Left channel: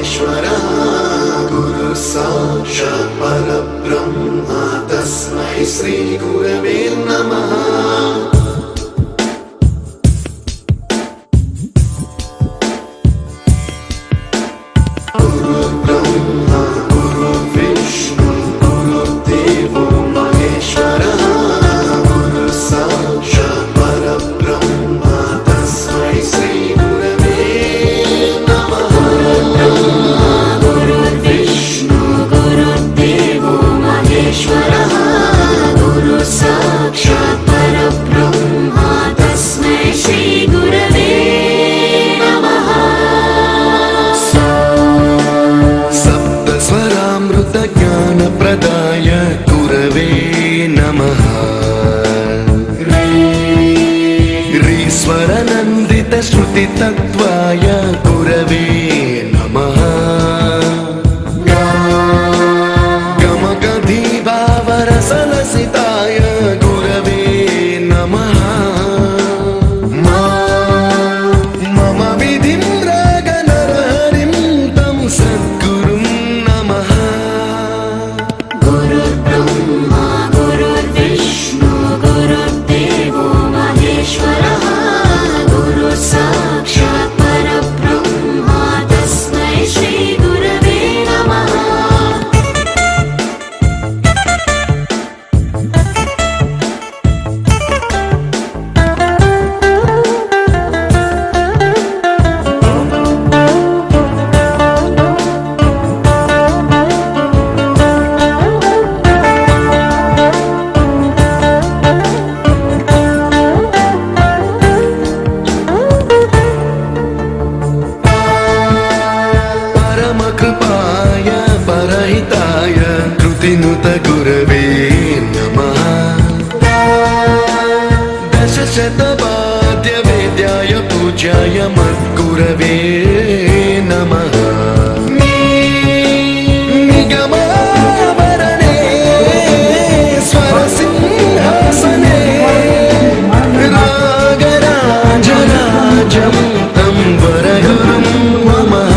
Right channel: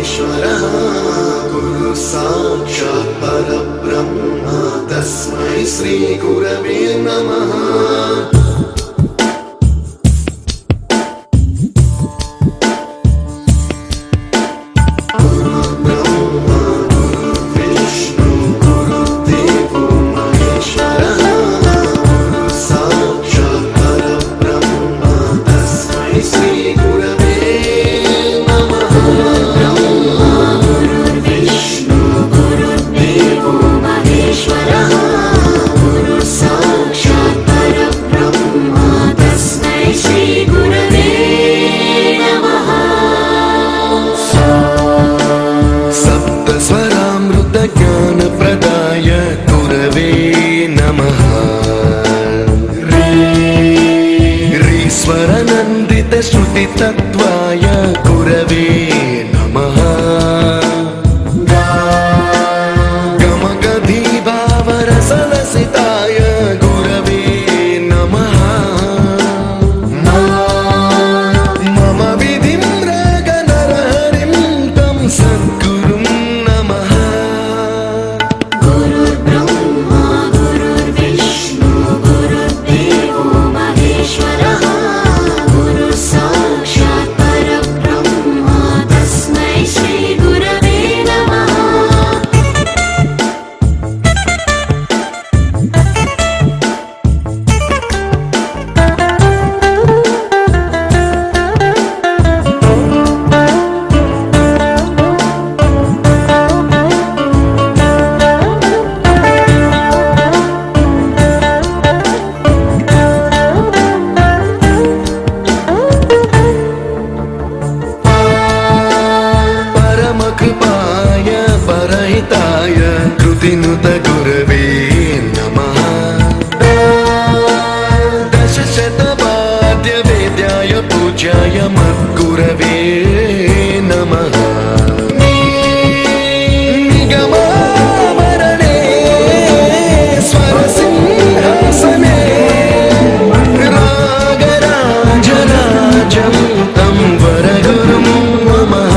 महेश्वरः गुरु साक्षात् परब्रह्म तस्मै श्री गुरवे नमः। ज्ञानप्रदाय गुरवे नमः। रीश्वरनन्दित श्रुतितत्त्वाय गुरवे नमः। गमगधीभावरसलसिताय गुरवे नमः। मम विधिं रागनरहरिं तं सद्गुरुं नमः। कृपाय परहिताय कृतिनुत गुरवे नमः। दशशतवाद्यवेद्याय पूज्याय मद्गुरवे नमः। निगमावरणे स्वरसिंहासने रागराजराजं तं वरगुरुं नमः।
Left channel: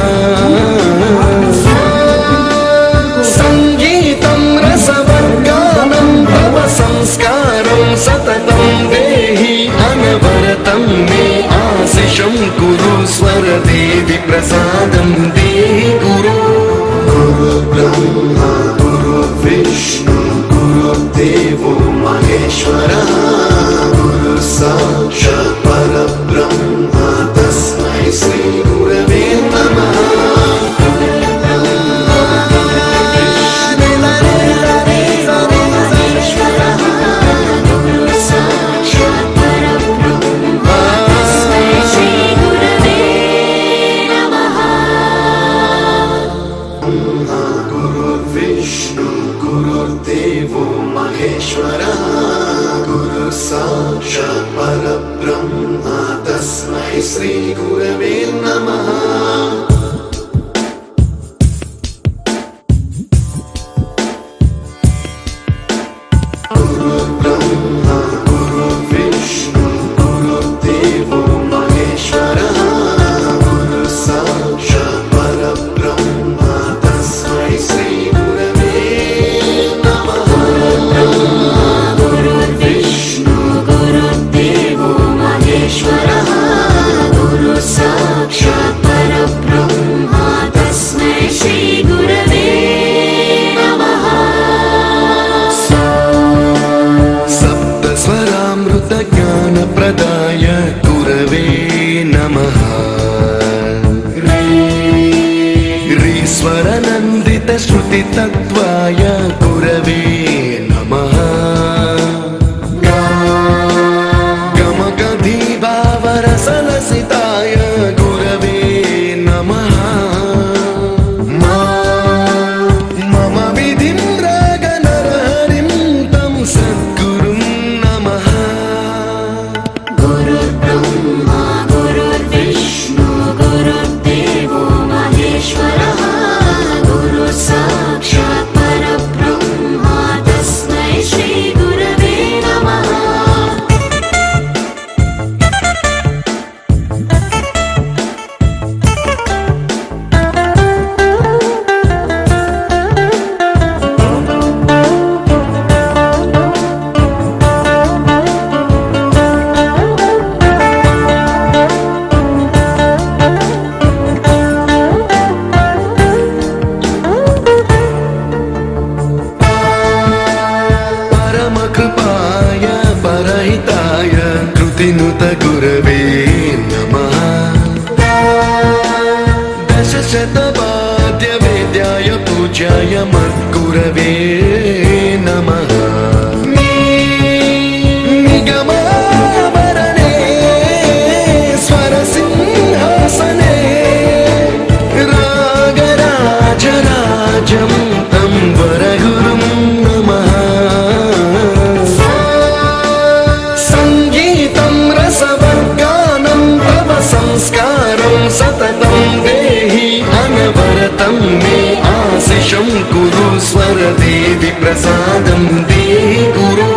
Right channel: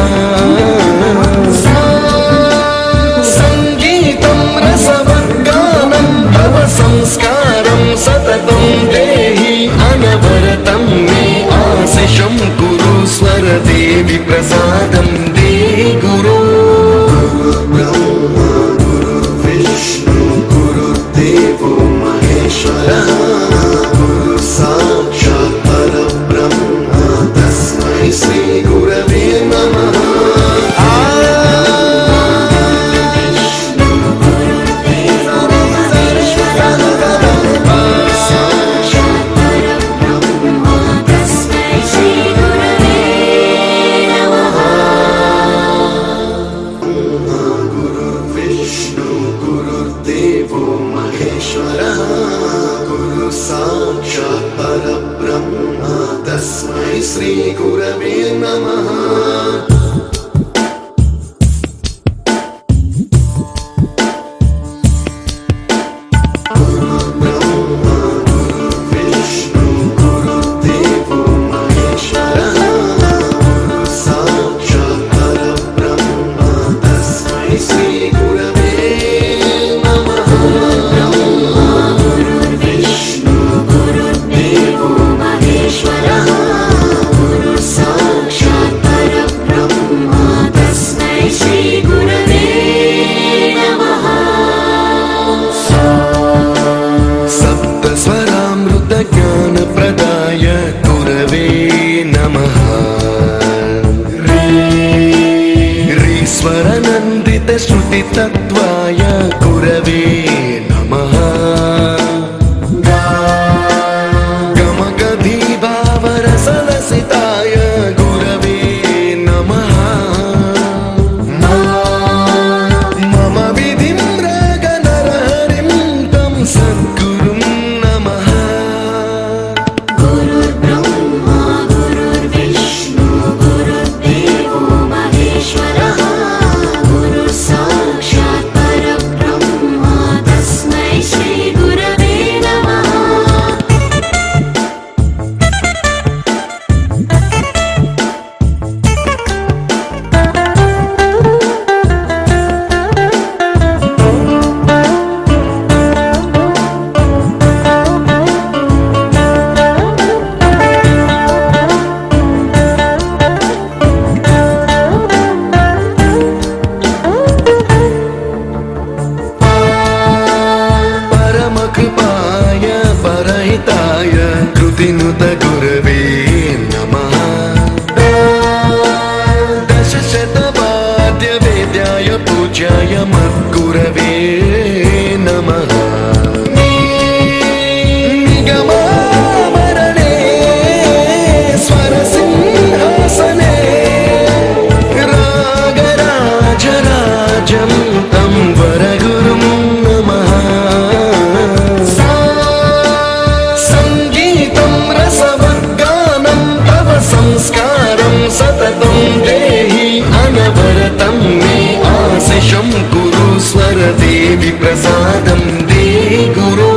संस्कारं सततं देहि अनवरतं मे आशिषं कुरु स्वरदेवि प्रसादं देहि गुरो। गुरुर्ब्रह्मा गुरुर्विष्णु गुरुर्देवो महेश्वरः गुरु साक्षात् परब्रह्म तस्मै श्री गुरवे नमः। गुरु साक्षात् परब्रह्म तस्मै श्री गुरवे नमः। ज्ञानप्रदाय गुरवे नमः। रीश्वरनन्दित श्रुतितत्त्वाय गुरवे नमः। गमगधीभावरसलसिताय गुरवे नमः। मम विधिं रागनरहरिं तं सद्गुरुं नमः। स्तुतिनुत गुरवे नमः दशशतवाद्यवेद्याय पूज्याय मद्गुरवे नमः निगमाभरणे स्वरसिंहासने रागराजराजं तं वरगुरुं नमः सङ्गीतं रसवर्गानं तव संस्कारं सततं देहि अनवरतं मे आशिषं कुरु स्वरदेवि प्रसादं देहि गुरो